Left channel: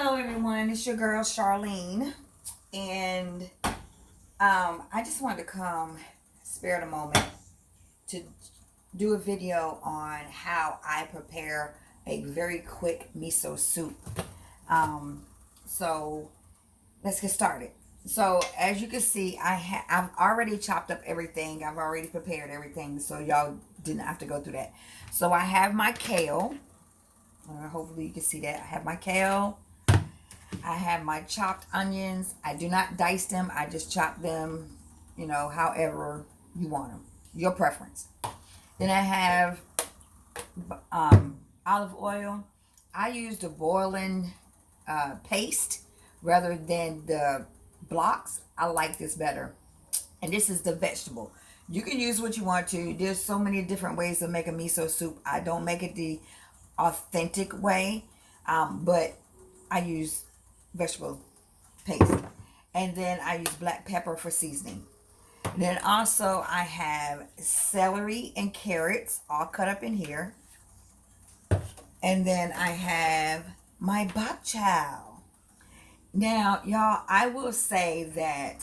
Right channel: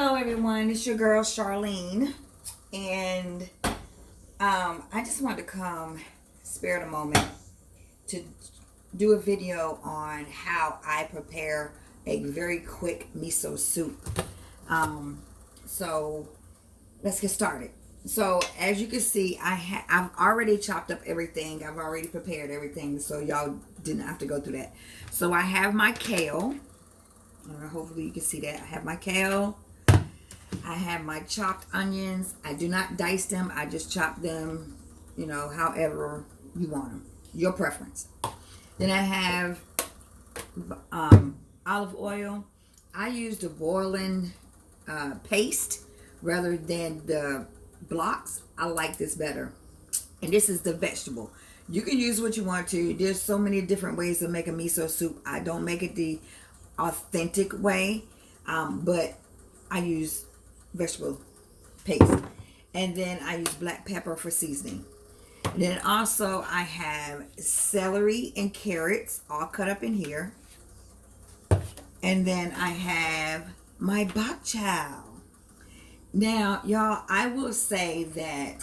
Hello everyone, it's your girl Charlene, and I just wanted to come spare the moment to do a video on how I prepare a very quick miso soup. So let's get started. So as you can see, I've already chopped up everything. I've already prepared everything, so y'all didn't have to go through that. So I have my kale. Hopefully you can see that. I have my kale. I have my chopped onions. I do not dice them. I just chop them, however you want them. Your preference. Then I have olive oil. I use the boiling paste rather than the blocks. I like this better. And this is the vegetable. You can use what you want to. There's so many different ways to make a miso soup. I don't make it the authentic way, but I use vegetable paste, and then I use black pepper for seasoning. Then also I have celery and carrots all cut up in here, and then I have my bokchoy. Now y'all, I will say that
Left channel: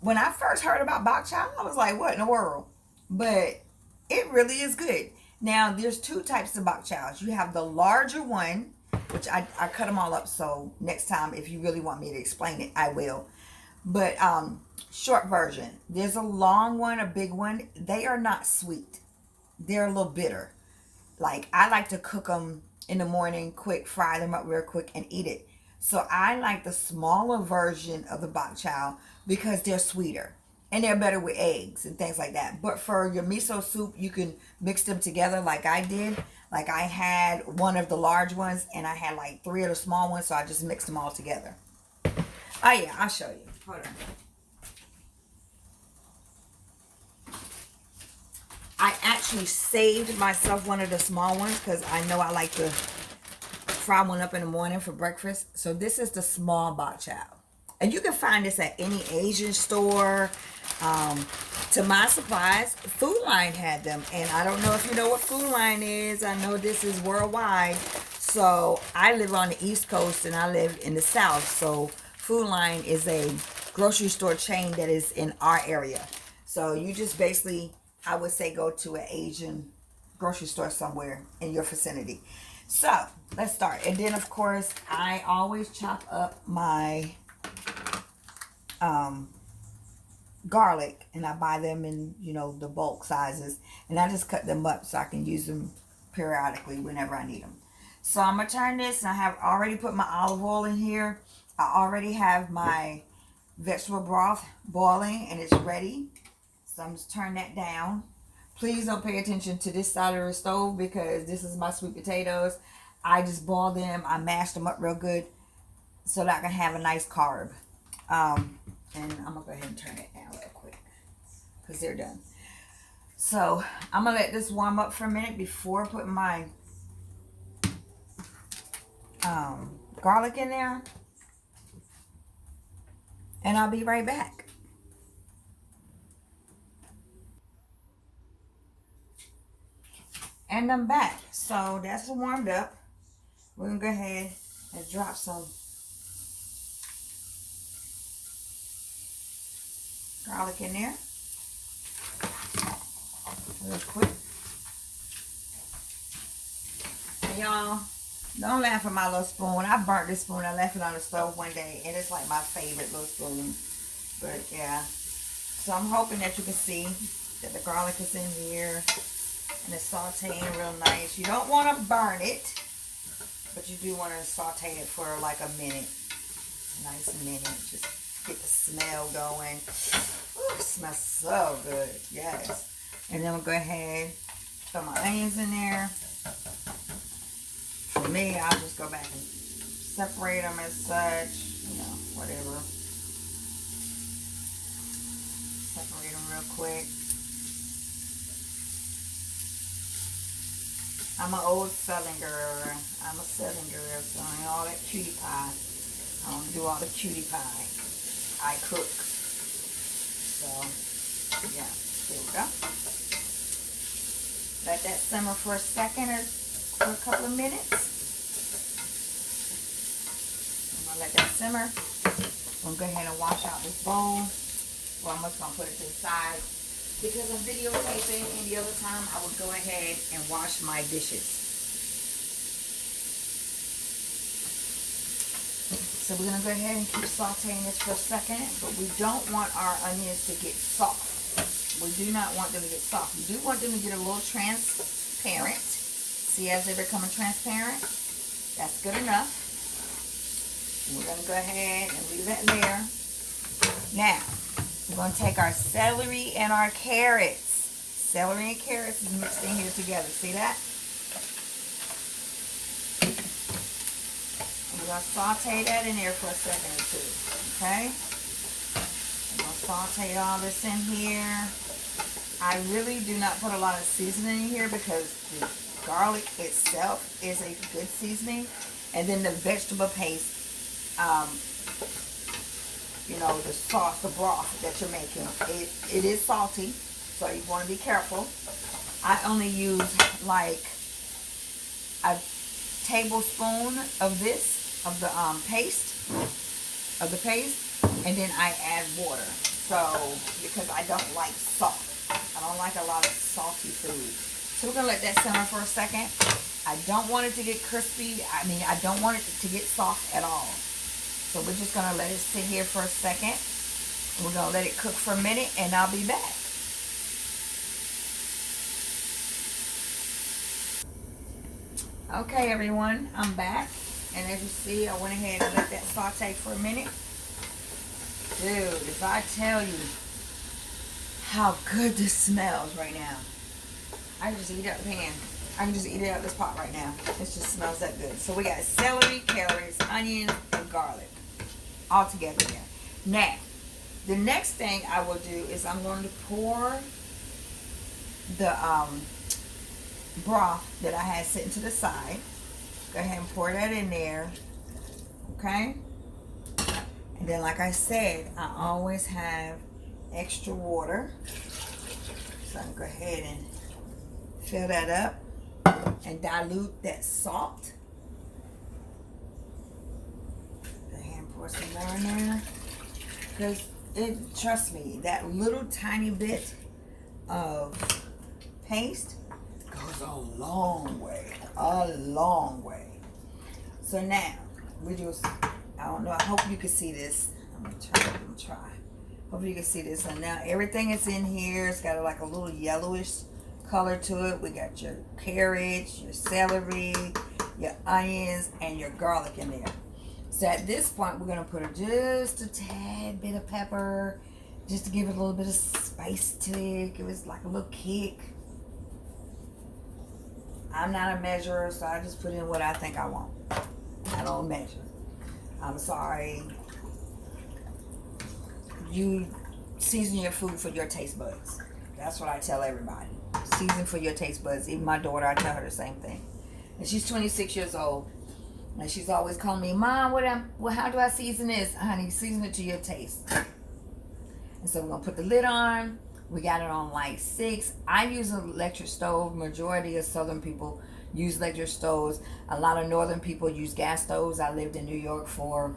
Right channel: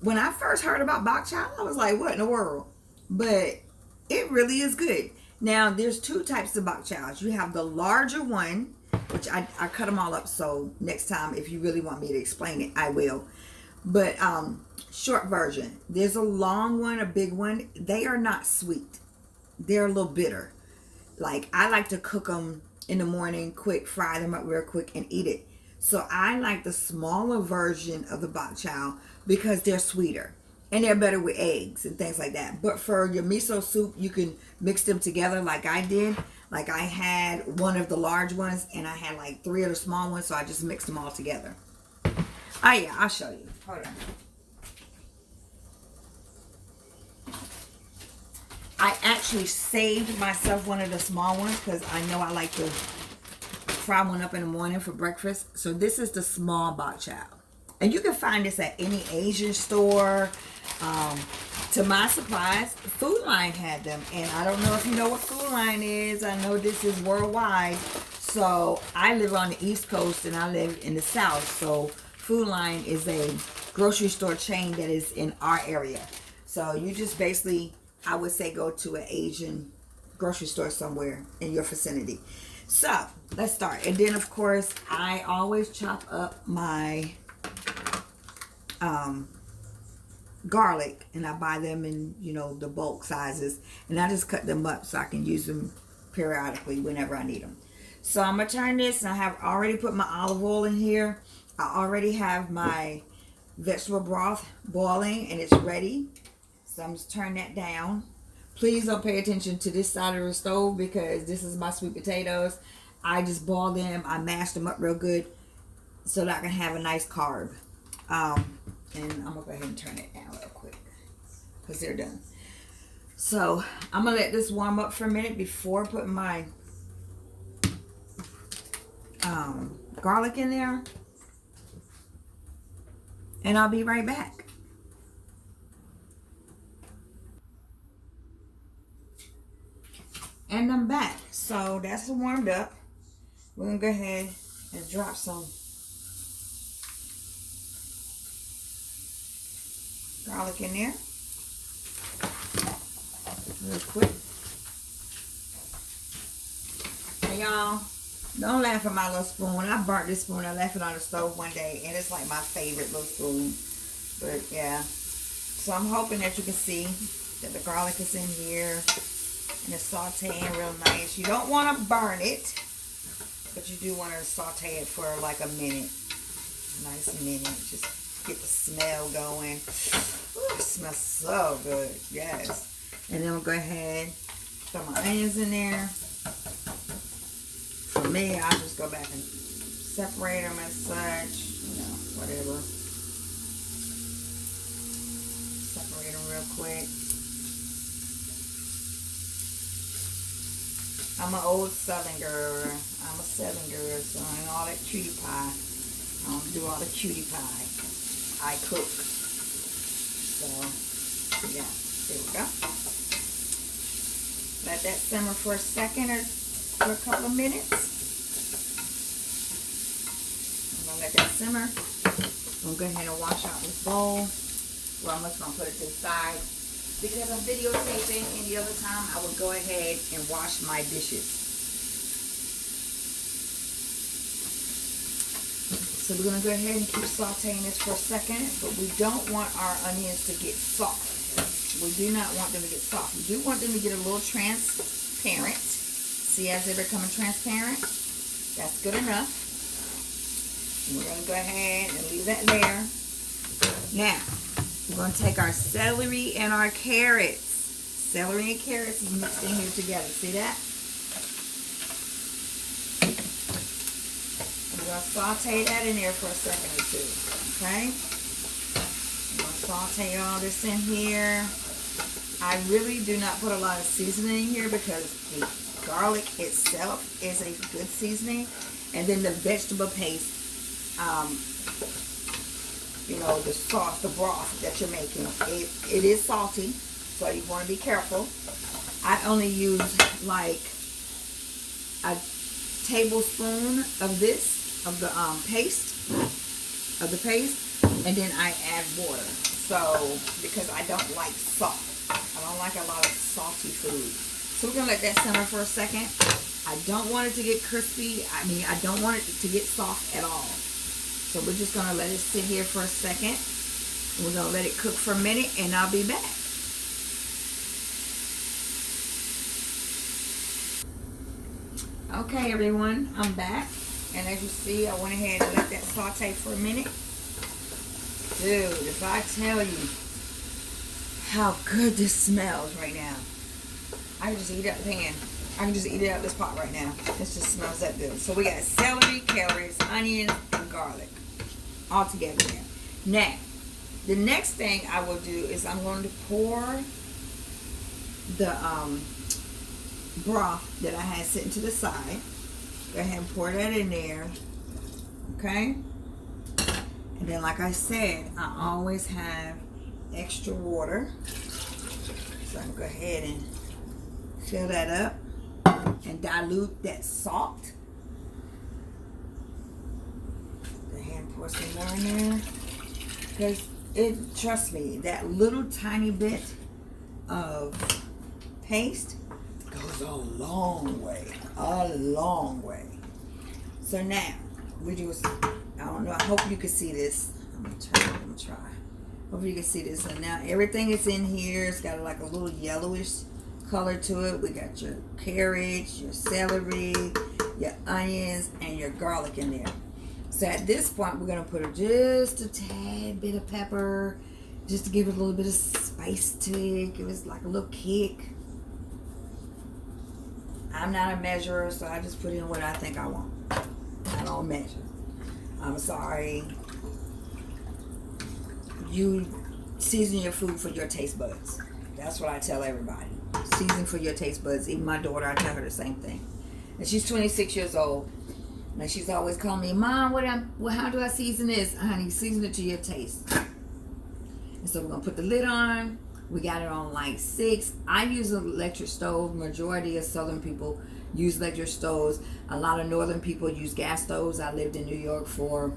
when I first heard about bokchoy, I was like, what in the world? But it really is good. Now there's two types of bokchoys. You have the larger one, which I cut them all up, so next time if you really want me to explain it, I will. But short version, there's a long one, a big one. They are not sweet. They're a little bitter. Like, I like to cook them in the morning, quick, fry them up real quick and eat it. So I like the smaller version of the bokchoy because they're sweeter and they're better with eggs and things like that. But for your miso soup, you can mix them together like I did. Like, I had one of the large ones and I had like 3 of the small ones, so I just mixed them all together. Oh yeah, I'll show you. Hold on. I actually saved myself one of the small ones because I know I like to fry one up in the morning for breakfast. So this is the small bokchoy. And you can find this at any Asian store. To my surprise, Food Line had them. And I don't know if you know what Food Line is. I know this is worldwide. So I live on the East Coast and I live in the South. So Food Line is a grocery store chain that is in our area. So you just basically, I would say, go to an Asian grocery store somewhere in your vicinity. So let's start. And then of course, I always chop up my garlic, and I buy them in the bulk sizes, and I just cut them up so I can use them periodically whenever I need them. So I'm gonna turn this, and I have already put my olive oil in here. I already have my vegetable broth boiling and it's ready, so I'm just turning that down. Please don't pay attention to this side of the stove because this is my sweet potatoes. I just boil them, I mash them up real good so that I can have a nice carb. And I'm gonna go ahead and turn it down real quick because they're done. So I'm gonna let this warm up for a minute before putting my garlic in there, and I'll be right back. And I'm back. So that's warmed up. We're gonna go ahead and drop some garlic in there real quick. Hey y'all, don't laugh at my little spoon. I burnt this spoon. I left it on the stove one day and it's like my favorite little spoon. But yeah, so I'm hoping that you can see that the garlic is in here and it's sauteing real nice. You don't want to burn it, but you do want to saute it for like a minute. Nice minute. Just get the smell going. Ooh, it smells so good. Yes. And then we'll go ahead, throw my onions in there. For me, I'll just go back and separate them as such. Whatever. Separate them real quick. I'm an old Southern girl. I'm a Southern girl, so I ain't all that cutie pie. I don't do all the cutie pie. I cook. So, yeah, there we go. Let that simmer for a second or for a couple of minutes. let that simmer. I'm going to go ahead and wash out this bowl. Well, I'm just going to put it to the side because I'm videotaping, and the other time I would go ahead and wash my dishes. So we're going to go ahead and keep sauteing this for a second, but we don't want our onions to get soft. We do not want them to get soft. We do want them to get a little transparent. See, as they're becoming transparent? That's good enough. And we're going to go ahead and leave that there. Now, we're going to take our celery and our carrots. Celery and carrots is mixed in here together. See that? And we're going to saute that in there for a second or two. Okay? I'm going to saute all this in here. I really do not put a lot of seasoning in here because the garlic itself is a good seasoning. And then the vegetable paste, you know, the sauce, the broth that you're making, it is salty, so you want to be careful. I only use like a tablespoon of this, of the paste, and then I add water. So, because I don't like salt. I don't like a lot of salty food. So we're going to let that simmer for a second. I don't want it to get crispy. I mean, I don't want it to get soft at all. So we're just going to let it sit here for a second. We're going to let it cook for a minute, and I'll be back. Okay, everyone, I'm back. And as you see, I went ahead and let that saute for a minute. Dude, if I tell you how good this smells right now. I can just eat it out the pan. I can just eat it out this pot right now. It just smells that good. So we got celery, carrots, onions, and garlic all together here. Now, the next thing I will do is I'm going to pour the broth that I had sitting to the side. Go ahead and pour that in there. Okay? And then, like I said, I always have extra water. So I can go ahead and fill that up and dilute that salt. Go ahead and pour some more in there. Because trust me, that little tiny bit of paste goes a long way. A long way. So now, we just, I don't know, I hope you can see this. I'm going to try. Hope you can see this. And now everything that's in here, it's got like a little yellowish color to it. We got your carrots, your celery, your onions, and your garlic in there. So at this point, we're going to put just a tad bit of pepper, just to give it a little bit of spice to it. Give it like a little kick. I'm not a measurer, so I just put in what I think I want. I don't measure. I'm sorry. You season your food for your taste buds. That's what I tell everybody. Season for your taste buds. Even my daughter, I tell her the same thing. And she's 26 years old. And she's always calling me, Mom, how do I season this? Honey, season it to your taste. And so we're going to put the lid on. We got it on like 6. I use an electric stove. Majority of Southern people use electric stoves. A lot of Northern people use gas stoves. I lived in New York for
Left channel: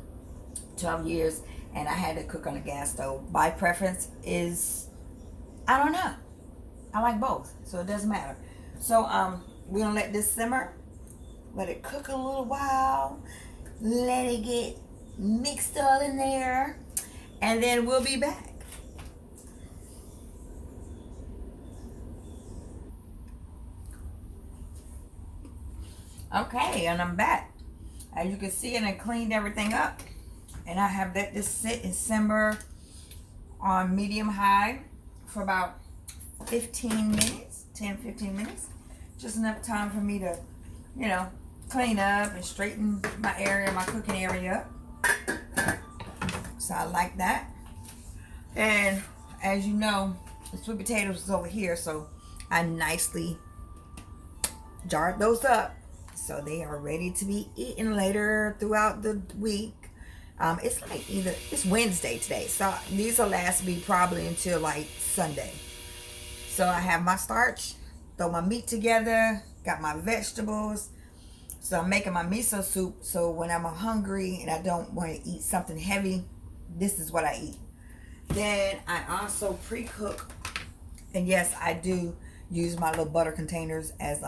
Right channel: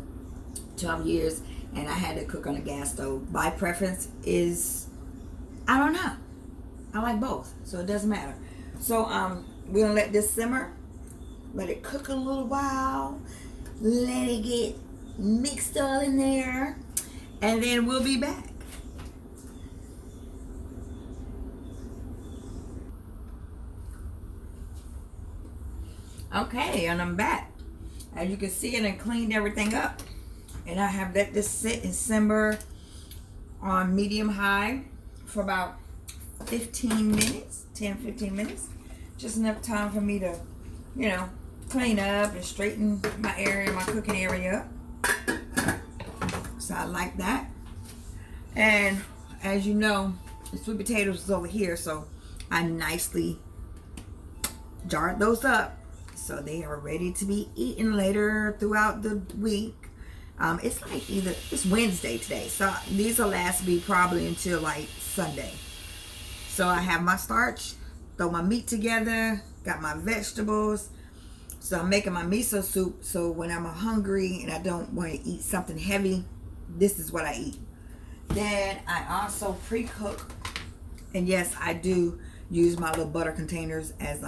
12 years. And I had to cook on a gas stove. My preference is, I don't know. I like both. So it doesn't matter. So we're going to let this simmer. Let it cook a little while. Let it get mixed all in there. And then we'll be back. Okay, and I'm back. As you can see, I cleaned everything up. And I have let this sit and simmer on medium high for about 15 minutes, 10-15 minutes. Just enough time for me to, you know, clean up and straighten my area, my cooking area up. So I like that. And as you know, the sweet potatoes is over here, so I nicely jarred those up so they are ready to be eaten later throughout the week. It's like it's Wednesday today, so these will last me probably until like Sunday. So I have my starch, throw my meat together, got my vegetables. So I'm making my miso soup. So when I'm hungry and I don't want to eat something heavy, this is what I eat. Then I also pre-cook. And yes, I do use my little butter containers as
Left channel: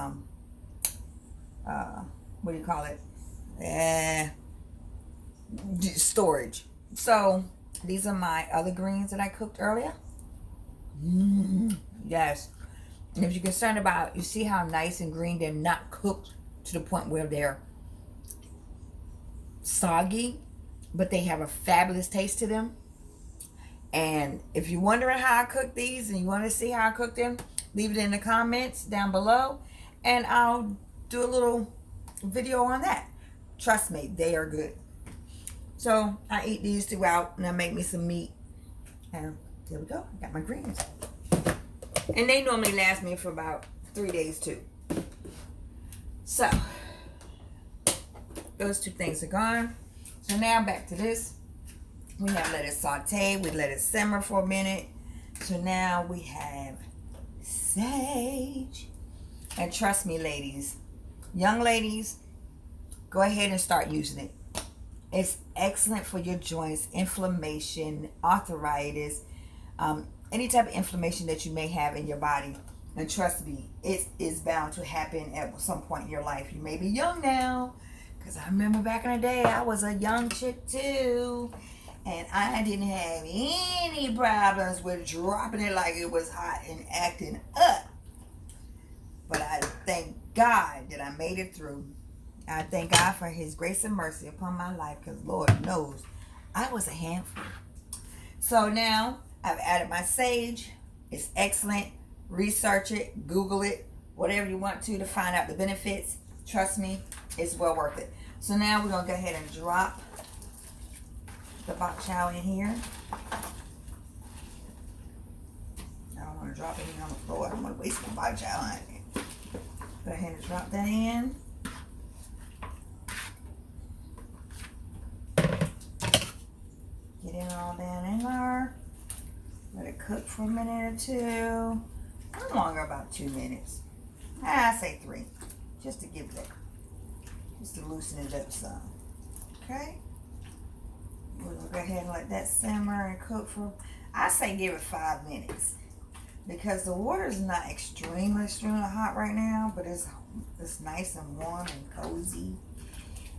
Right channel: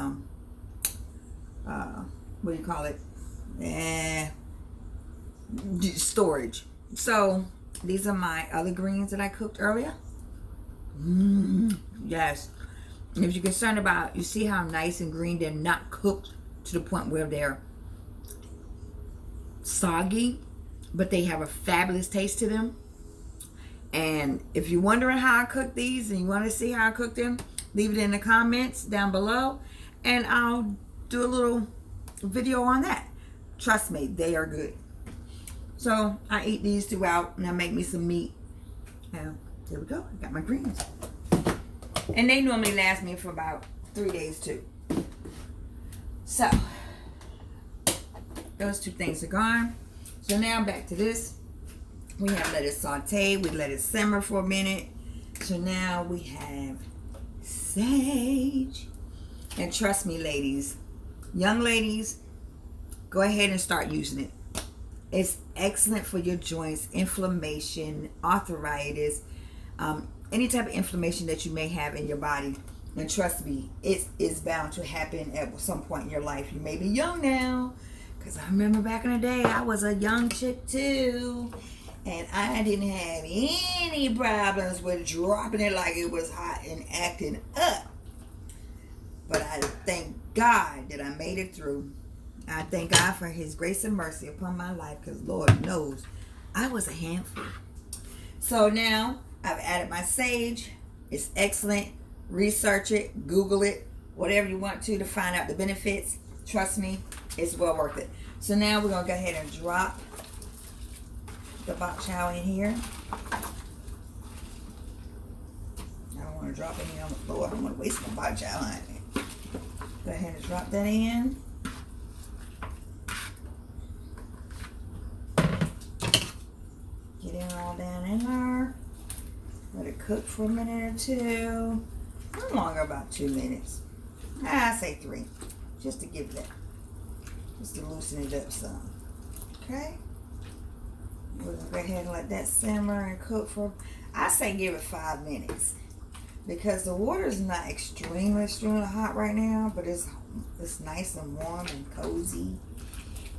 what do you call it? Storage. So these are my other greens that I cooked earlier. Yes. And if you're concerned about, you see how nice and green, they're not cooked to the point where they're soggy, but they have a fabulous taste to them. And if you're wondering how I cook these and you want to see how I cook them, leave it in the comments down below and I'll do a little video on that. Trust me, they are good. So I eat these throughout and I make me some meat. And there we go. I got my greens. And they normally last me for about 3 days too. So those two things are gone. So now back to this. We have let it saute. We let it simmer for a minute. So now we have sage. And trust me, ladies, young ladies, go ahead and start using it. It's excellent for your joints, inflammation, arthritis, any type of inflammation that you may have in your body. And trust me, it is bound to happen at some point in your life. You may be young now, because I remember back in the day, I was a young chick too. And I didn't have any problems with dropping it like it was hot and acting up. But I thank God that I made it through. I thank God for his grace and mercy upon my life, because Lord knows I was a handful. So now I've added my sage. It's excellent. Research it, Google it, whatever you want to find out the benefits. Trust me, it's well worth it. So now we're going to go ahead and drop the bokchoy in here. I don't want to drop it in on the floor. I don't want to waste my bokchoy on it. Go ahead and drop that in. Get it all down in there. Let it cook for a minute or two. No longer, about 2 minutes. I say 3. Just to give that. Just to loosen it up some. Okay? We're going to go ahead and let that simmer and cook for, I say give it 5 minutes. Because the water is not extremely hot right now. But it's nice and warm and cozy.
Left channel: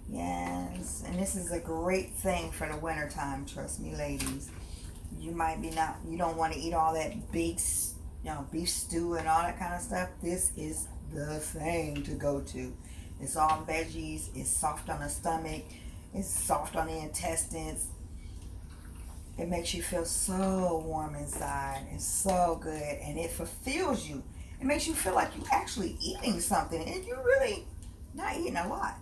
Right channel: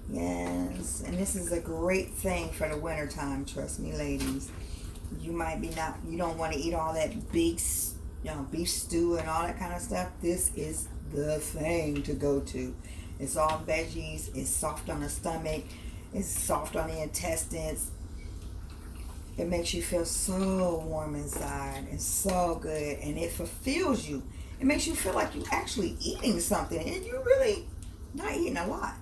Yes, and this is a great thing for the winter time, trust me, ladies. You might be you don't want to eat all that big, beef stew and all that kind of stuff. This is the thing to go to. It's all veggies. It's soft on the stomach. It's soft on the intestines. It makes you feel so warm inside and so good, and it fulfills you. It makes you feel like you're actually eating something, and you're really not eating a lot.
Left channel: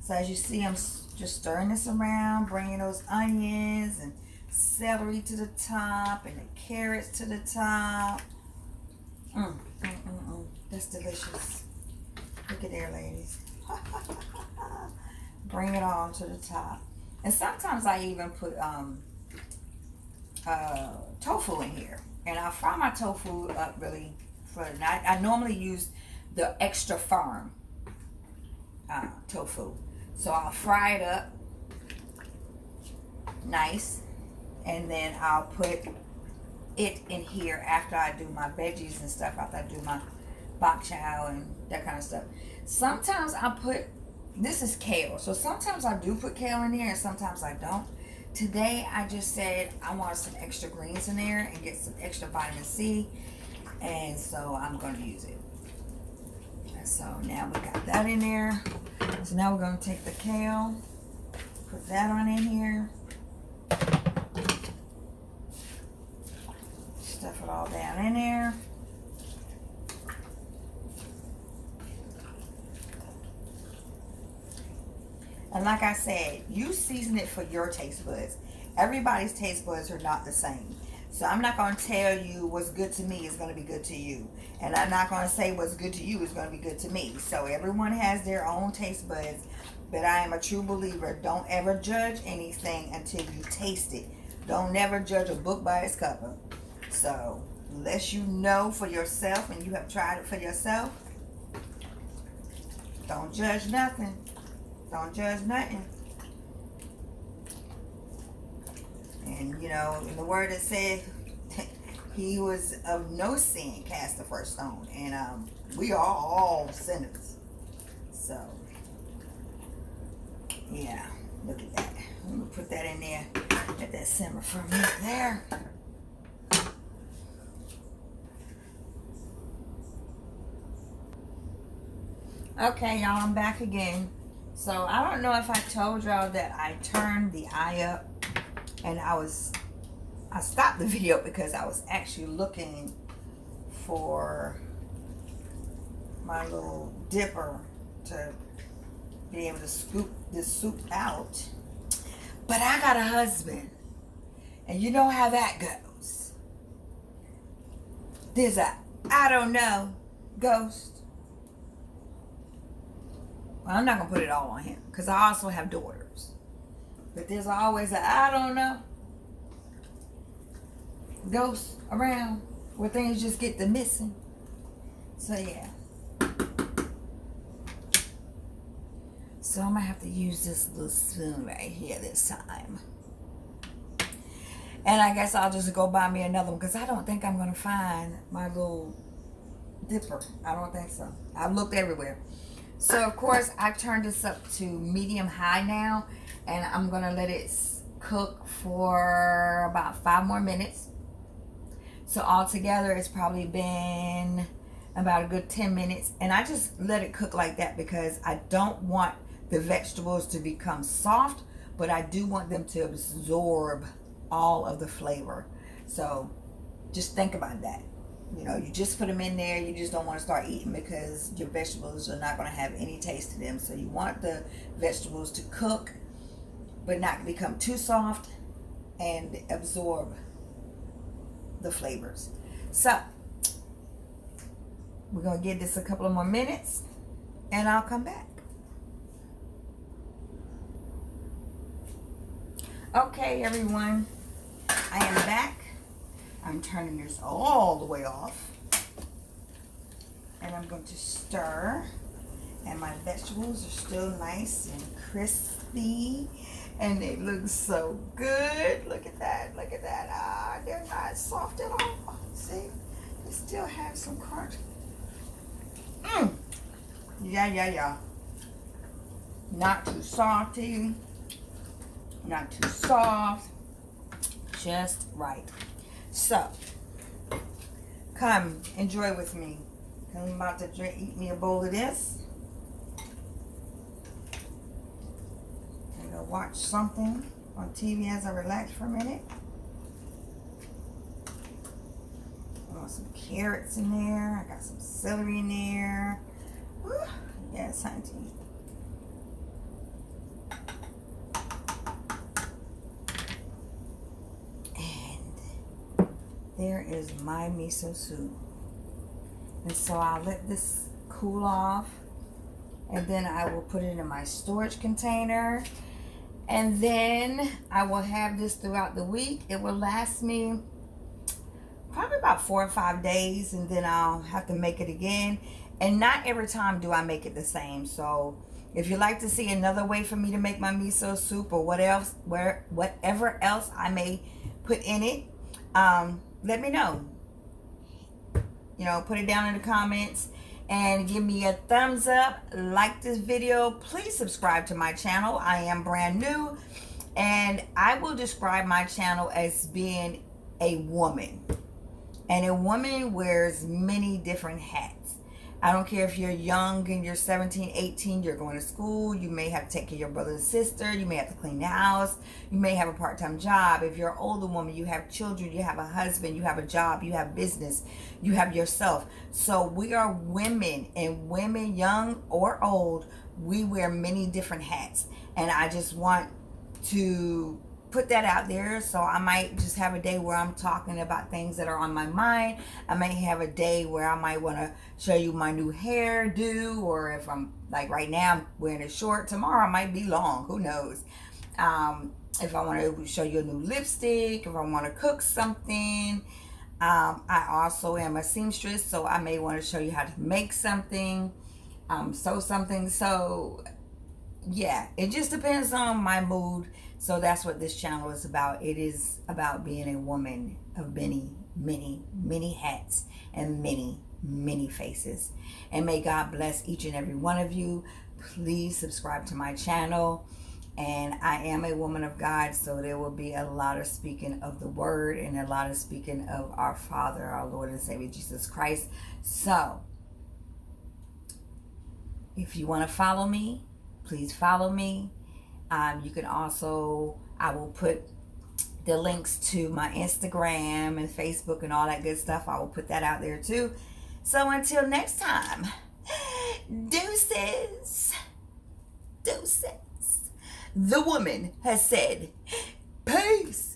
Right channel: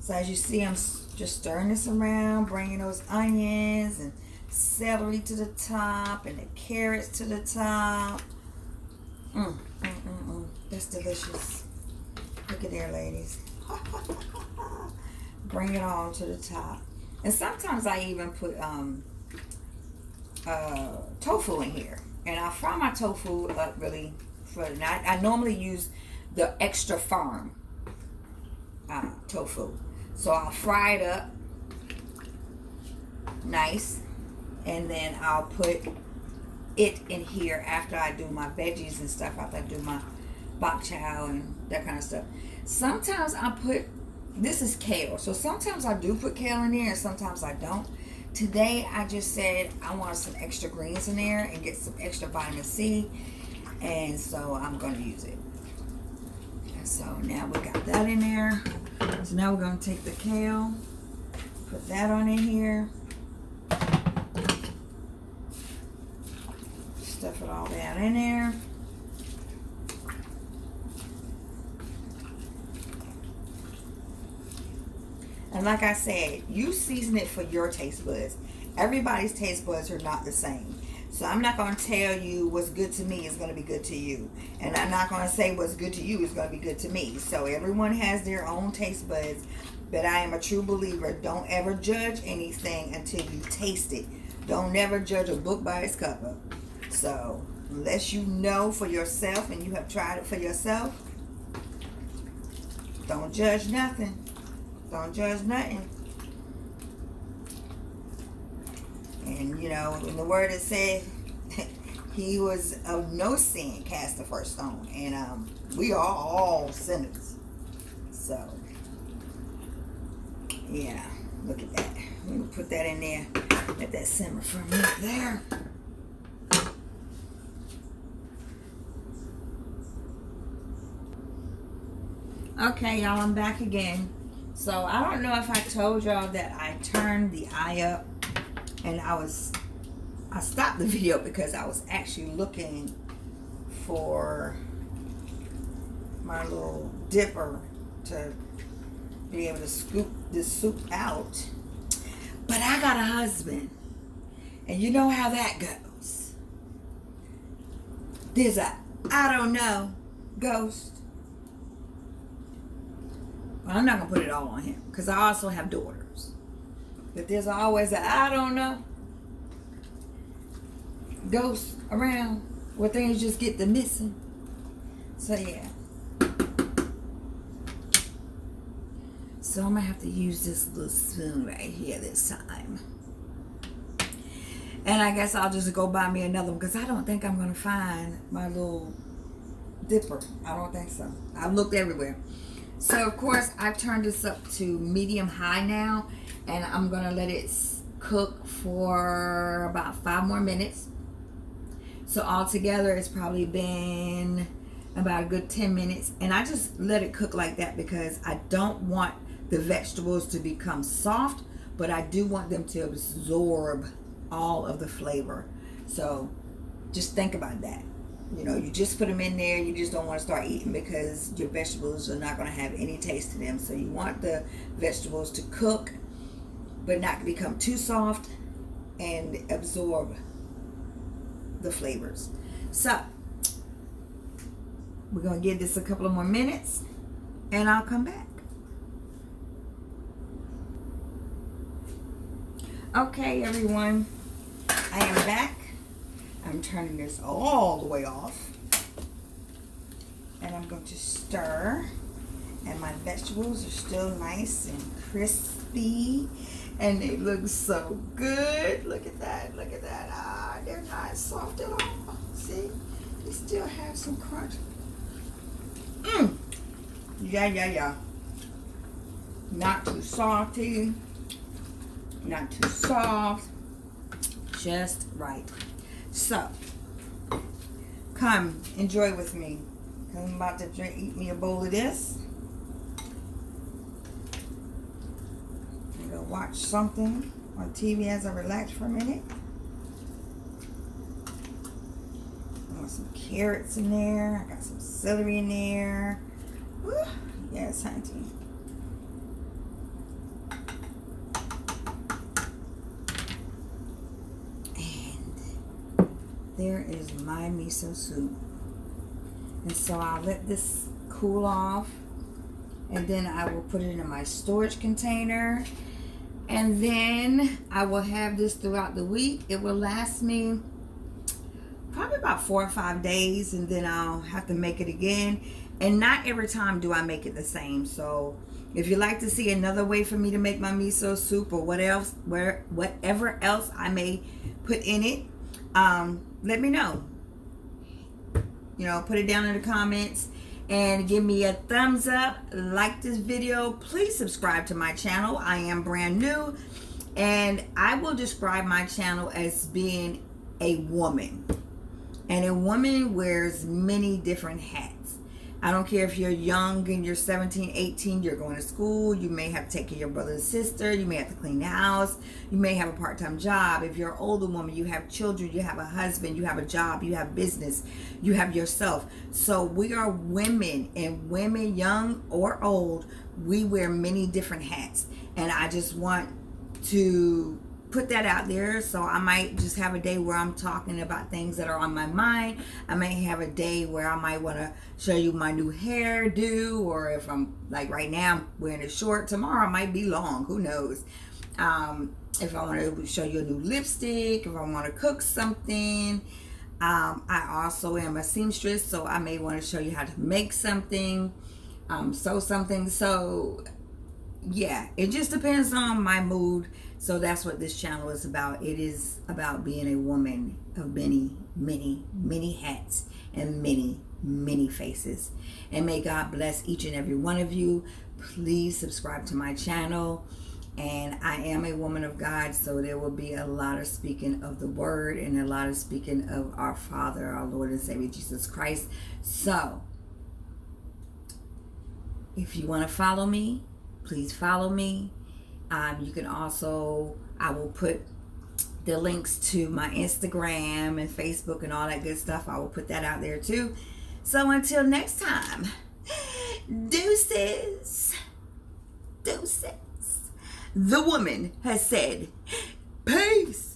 So as you see, I'm just stirring this around, bringing those onions and celery to the top and the carrots to the top. That's delicious. Look at there, ladies. Bring it all to the top. And sometimes I even put tofu in here. And I fry my tofu up really for the night. I normally use the extra firm tofu. So I'll fry it up nice, and then I'll put it in here after I do my veggies and stuff, after I do my bokchoy and that kind of stuff. Sometimes I put, this is kale, so sometimes I do put kale in there and sometimes I don't. Today I just said I want some extra greens in there and get some extra vitamin C, and so I'm going to use it. So now we got that in there. So now we're going to take the kale, put that on in here, stuff it all down in there. And like I said, you season it for your taste buds. Everybody's taste buds are not the same. So I'm not going to tell you what's good to me is going to be good to you. And I'm not going to say what's good to you is going to be good to me. So everyone has their own taste buds. But I am a true believer. Don't ever judge anything until you taste it. Don't never judge a book by its cover. So unless you know for yourself and you have tried it for yourself, don't judge nothing. Don't judge nothing. And you know, in the word it says, he was of no sin cast the first stone. And we are all sinners. So, yeah, look at that. Let me put that in there. Let that simmer for a minute there. Okay, y'all, I'm back again. So, I don't know if I told y'all that I turned the eye up. And I stopped the video because I was actually looking for my little dipper to be able to scoop this soup out. But I got a husband, and you know how that goes. There's a I don't know ghost. Well, I'm not gonna put it all on him because I also have daughters. But there's always a I don't know ghost around where things just get to missing. So yeah. So I'm gonna have to use this little spoon right here this time. And I guess I'll just go buy me another one because I don't think I'm gonna find my little dipper. I don't think so. I've looked everywhere. So of course I turned this up to medium high now, and I'm gonna let it cook for about 5 more minutes. So altogether it's probably been about a good 10 minutes, and I just let it cook like that because I don't want the vegetables to become soft, but I do want them to absorb all of the flavor. So just think about that. You know, you just put them in there, you just don't want to start eating because your vegetables are not going to have any taste to them. So you want the vegetables to cook but not become too soft and absorb the flavors. So we're going to give this a couple of more minutes and I'll come back. Okay, everyone, I am back. I'm turning this all the way off. And I'm going to stir. And my vegetables are still nice and crispy. And they look so good. Look at that. Look at that. Ah, they're not soft at all. See? They still have some crunch. Yeah. Not too salty. Not too soft. Just right. So, come enjoy with me. I'm about to eat me a bowl of this. I'm gonna watch something on TV as I relax for a minute. I want some carrots in there. I got some celery in there. Woo. Yes, hunty. There is my miso soup. And so I'll let this cool off, and then I will put it in my storage container, and then I will have this throughout the week. It will last me probably about 4 or 5 days, and then I'll have to make it again. And not every time do I make it the same. So if you'd like to see another way for me to make my miso soup, or whatever else I may put in it, let me know. You know, put it down in the comments and give me a thumbs up. Like this video. Please subscribe to my channel. I am brand new, and I will describe my channel as being a woman. And a woman wears many different hats. I don't care if you're young and you're 17, 18, you're going to school, you may have to take care of your brother and sister, you may have to clean the house, you may have a part-time job. If you're an older woman, you have children, you have a husband, you have a job, you have business, you have yourself. So we are women, and women, young or old, we wear many different hats. And I just want to put that out there. So I might just have a day where I'm talking about things that are on my mind. I may have a day where I might want to show you my new hairdo, or if I'm like right now I'm wearing it short, tomorrow it might be long, who knows. If I want to show you a new lipstick, if I want to cook something. I also am a seamstress, so I may want to show you how to make something, sew something. So yeah, it just depends on my mood. So that's what this channel is about. It is about being a woman of many, many, many hats and many, many faces. And may God bless each and every one of you. Please subscribe to my channel. And I am a woman of God, so there will be a lot of speaking of the word and a lot of speaking of our Father, our Lord and Savior Jesus Christ. So if you want to follow me, please follow me. You can also, I will put the links to my Instagram and Facebook and all that good stuff. I will put that out there too. So until next time, deuces. Deuces. The woman has said, peace.